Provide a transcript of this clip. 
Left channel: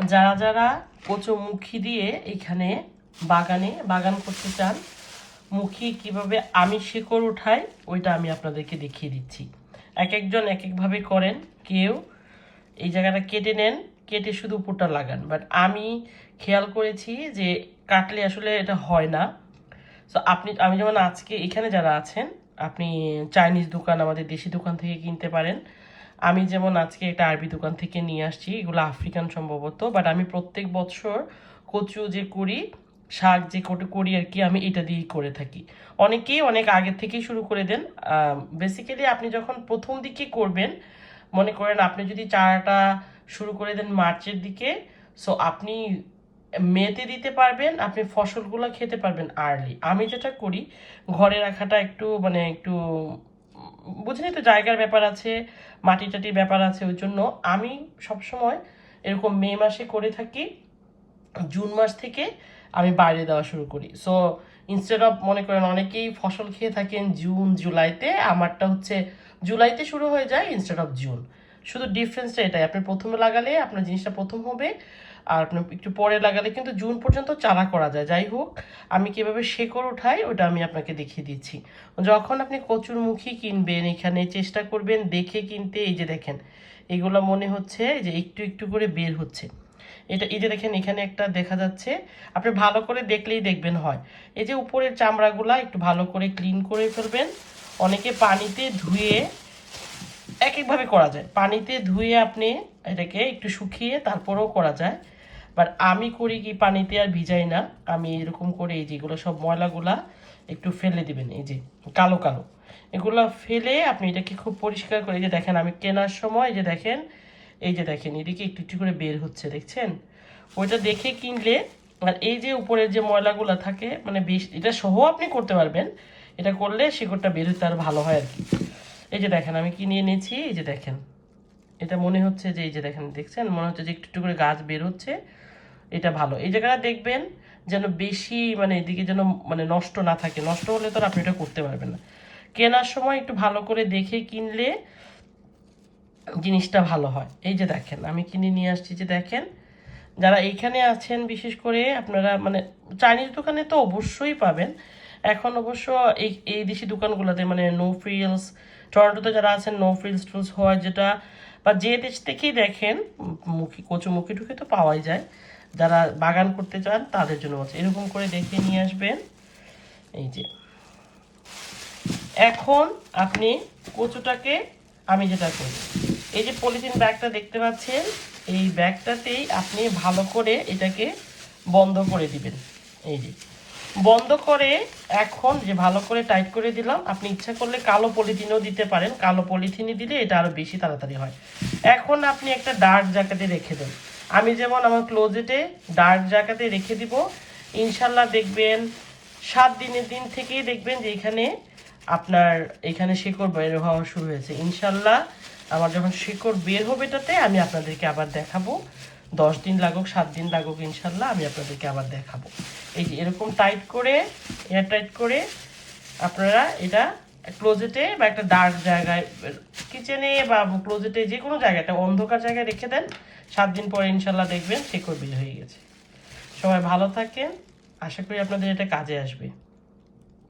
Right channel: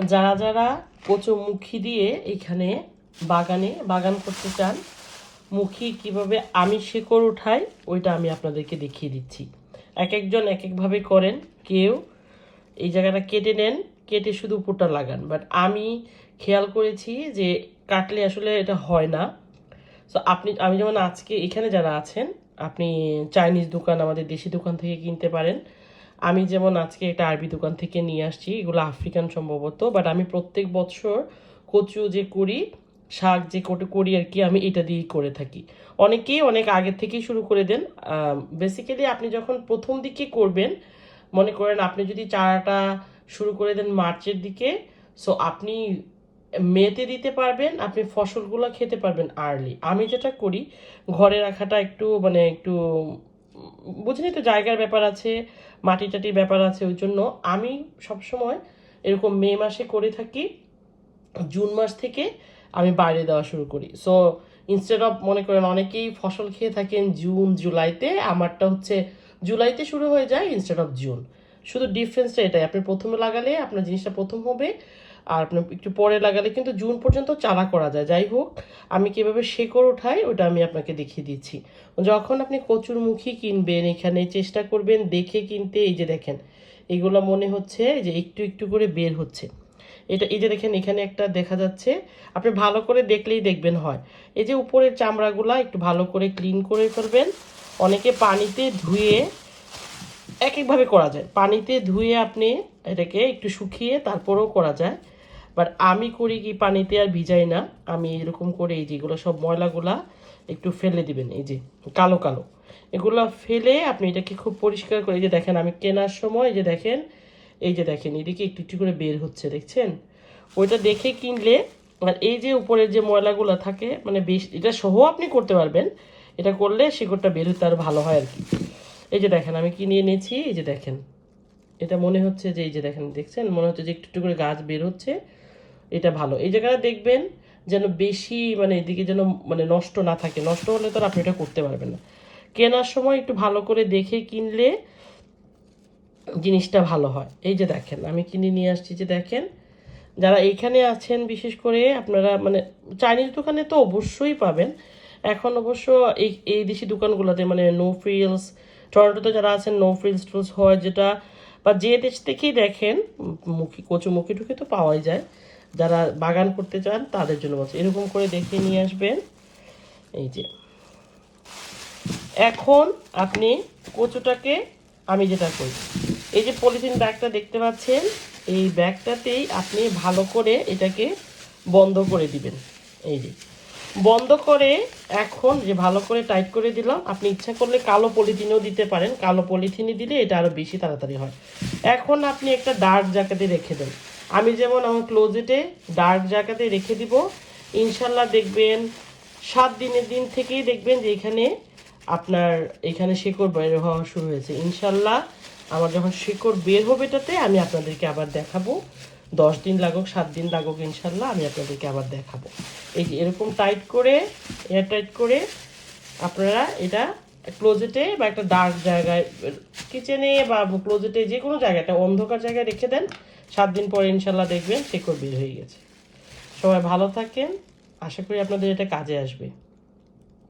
যারা যারা কচুমুখী দিয়ে এখানে বাগানে, বাগান করতে চান, মুখী কীভাবে আমি শেকড় উঠাই, ওইটা আমি আপনাদেরকে দেখিয়ে দিচ্ছি। এক একজন এক একভাবে করেন, কেউ এই জায়গাটা কেটে নেন, কেটে শুধু উপরটা লাগান। বাট আমি খেয়াল করেছি যে কাটলে আসলে এটা হয় না। তো আপনি, আমি যেমন আজকে এখানে যারা আছেন, আপনি চাইনিজ দোকান, আমাদের দেশি দোকান থেকে কিনতে পারেন। আমি যেমন আজকে একটা আরবি দোকান থেকে নিয়ে আসছি, এগুলো আফ্রিকান সম্ভবত বাট আমি প্রত্যেক বছর কচু যে করি, শাক যে কোটে করি আর কি, আমি এটা দিয়েই করে থাকি। অনেকেই অনেক আগে থেকেই শুরু করে দেন বেসিক্যালি আপনি যখন প্রথম দিকে করবেন, মনে করেন আপনি যদি চারাটা শুরু করে দেন মার্চের দিকে সো আপনি মেতে দিতে পারবেন, আপনি ফসলগুলো খেতে পারবেন আর্লি আমি যেটা করি, ঘরে রাখাটা একটু মানে একটু বুঝিনি তো জায়গার ব্যাপার আছে মাটি টাটির ব্যাপার আছে, ওই জন্য আমি সবসময় এরকম মে মাসে করে থাকি, জুন মাস থেকে আমি বাইরে দেওয়া শুরু করি। সো ইনস্টেড অফ মনে করেন অনেকেই ফসল খেয়ে থাকেন জুন, জুলাইতে, আমারটা হচ্ছে জুলাইতে শুরু হয়ে যায় ইনস্টেড অফ জুন। শুধু ডিফারেন্সটা এটাই, আপনি প্রথমে লাগালে আপনার জিনিসটা প্রথম হবে আর আপনি একটু পরে লাগালে কিন্তু জুন পর্যন্ত চারা করা যায়। যাই হোক, আমি কীভাবে শেকড় উঠাই ওটা আমি আপনাকে দেখিয়ে দিচ্ছি। যখন আপনি কচুরমুখী কিনবেন, এখানে চেষ্টা করবেন দেখে কিনতে। এই যে দেখেন, এগুলো মনে হচ্ছে যে একটু একটু করে বের হচ্ছে। এটা, এই যে দেখেন, এখানে একটা দেখা যাচ্ছে, আপনি ভালো করে দেখলেই দেখবেন হয়। এই যে উপরের চামড়াগুলা একটু ভালো করে ক্লিন করে ফেলবেন। অনেকে পানিতে ধুয়ে এক একভাবে করা যায়। পানিতে ধুয়ে আপনি এটাকে একটু শুকিয়ে তারপরেও করা যায়। বাট আমি করি কি পানিতে আর ভিজাই না। আমি এরকম করে এই যে এগুলো সব ময়লাগুলা একটু ফেলে দিবেন, এই যে কালো কালো। এগুলো ফেলে আপনি এটাকে খুব পরিষ্কার করে, এই যে দেখেন আমি কেনার সময় এই যে দেখেন, এই যে দেখেন এদিকে একটু একটু করে বের হচ্ছে, দেখছেন? ওইটা দেখে কিনলে আর এই যে উপরের যে ময়লাগুলো থাকে মানে বেশ, এটা সহ আপনি করতে পারবেন। এটা করলে শিকড়টা বের হতে আরও ভালো হয় আর কি। এই যে দেখেন আমি কিনে এনেছি এই যে দেখেন। এটা মনে হচ্ছে যে, এই যে দেখেন, দেখছেন? মনে হচ্ছে যে একটু একটু করে গাছ বের হচ্ছে। এটা ভালো। এই জায়গাটা দেখবেন যেন বেশি মানে এদিকে যেন মানে নষ্ট না থাকে। নষ্ট হলে তো আপনি এটা করতে পারবেন না। কেনার সময় একটু ভালো করে দেখে কিনলে জিনিসটা ভালো হয়। এই যে দেখেন, আমি কিনে নিয়ে আসছি যে দেখেন, যারা এইখানে আছেন, বিশেষ করে আপনারা মানে চাইনিজ দোকানে তো অবশ্যই পাবেন। এখন অবশ্য এই এই দেশি দোকানগুলোতে মানে নো ফ্রিলস টরন্টোতে যারা আছেন নো ফ্রিলস টুলস হয় যেটা, বা যে দেশ থেকেই দেখেন, মুখী কচু মুখী টুকি তো পাওয়াই যায়। যারা বাগান করতে চান, তাদের জন্য বলছি। এরকম করে দেখে নিয়ে আসবেন। এই যে। এখন আপনি কচুটাকে, আমি যেটা করি এই যে পলিথিন ব্যাগটা দেখতে পাচ্ছেন, এই ব্যাগটাতেই আপনি ভালো করে এটাকে বন্ধ করে দিবেন। এই যে। বন্ধ করে এখন যে ভালো করে টাইট করে দিলাম, আপনি ইচ্ছা করলে কালো পলিথিনও দিতে পারেন। কালো পলিথিনই দিলে এটা আরও বেশি তাড়াতাড়ি হয়। এখন আপনি একটা ডার্ক জায়গাতে রেখে দেন। আমি যেমন আমার ক্লোজেটে ডার্ক জায়গাতে রেখে দিব, ইনশাল্লাহ দেখবেন সাত দিনের দিন থেকেই দেখবেন যে এখানে আপনার এখানে শিকড় বের হওয়া শুরু হয়েছে। ইনশাল্লাহ আমার যখন শিকড় বের হবে এটাতে আমি আপনাদেরকে আবার দেখাবো। দশ দিন লাগুক, সাত দিন লাগুক, ইনশাল্লাহ আমি আপনাদেরকে আবার দেখাবো। এই যে এরকম টাইট করে এয়ার টাইট করে আপনারা এটা ক্লোজেটে বা একটা ডার্ক জায়গায় কিচেনে বা ক্লোজেটে যে কোনো জায়গায়, একটা অন্ধকার জায়গায় রেখে দেন, সাত দিন পরে ইনশাল্লাহ দেখবেন শিকড় বের হয়ে গেছে। সবাই ভালো থাকেন। আশা করি আপনাদের এটা কাজে আসবে।